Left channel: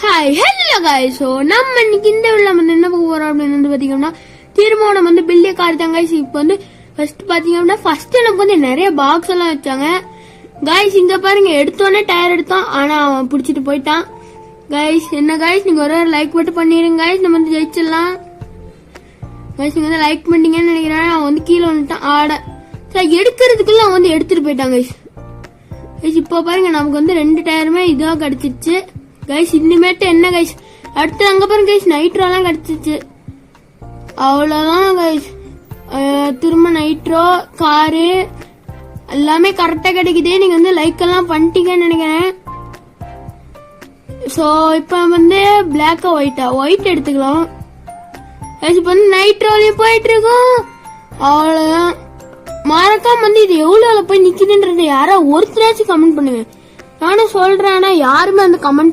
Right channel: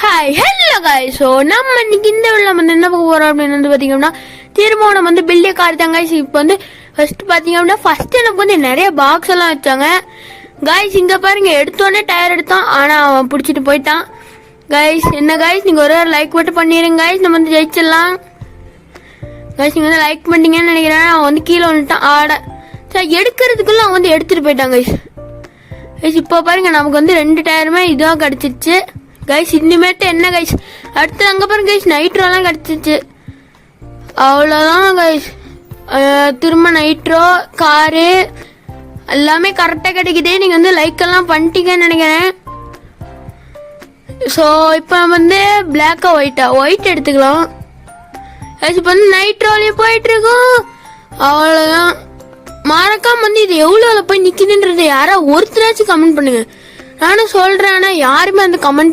Hi hello guys so நம்ம இன்னைக்கு இந்த வீடியோல வந்து என்ன பார்க்க போறோம் அப்படின்னு வந்து பாத்தீங்கன்னா திரும்ப நம்ம வந்து பில்டிங் கார் தான் गाइस. இப்போ வந்து ஃபர்ஸ்ட் பாத்தீங்கன்னா ஃபர்ஸ்ட் எனக்கு வந்து நிறைய பாக்ஸ் எல்லாம் வச்சாங்க गाइस. இங்க பாருங்க எடுத்தோனே டயர் எடுத்தான், ஆனா அவன் பிடிச்சிட்டு போயிட்டான் गाइस. என்ன गाइस நீங்க ஒரு லைக் மட்டும் பண்ணிருங்க गाइस, நம்ம வந்து ஜெயிச்சிடலாம் गाइस. நீங்க வந்து லைக் பண்ணீங்கன்னு நினைக்கிறேன். அவன் வந்து கீழே வந்துட்டான். ஆட சரி எடுக்கிறதுக்குள்ள அவன் வந்து எடுத்துட்டு போயிட்டான் गाइस. இப்போ பாருங்க நமக்கு வந்து 2 டயருமே இதா கிடைச்சிச்சு गाइस. இனிமேட்டு என்ன गाइस அடுத்து அங்க பாருங்க गाइस நைட்ரோலாம் கிடைச்சிச்சு. அவ்வளவுதான் गाइस. திரும்ப நைட்ரோ காரு எல்லாமே கரெக்டா கிடைக்குது. நீங்க வந்து லைக் எல்லாம் பண்ணிட்டீங்கன்னு நினைக்கிறேன். ஸோ இப்போ வந்து பிளாக்கா ஒயிட் எடுத்துக்கலாம். இப்போ வந்து நைட்ரோலயும் போயிட்டு இருக்கோம். அவ்வளவுதான். மறக்காம வந்து இது எவ்வளவு போய் நிக்குதுன்றதை யாரா ஒருத்தராச்சும் கமெண்ட் பண்ணுங்க. நானும் சொல்றேன், ஆனா யாருமே அந்த கமெண்ட்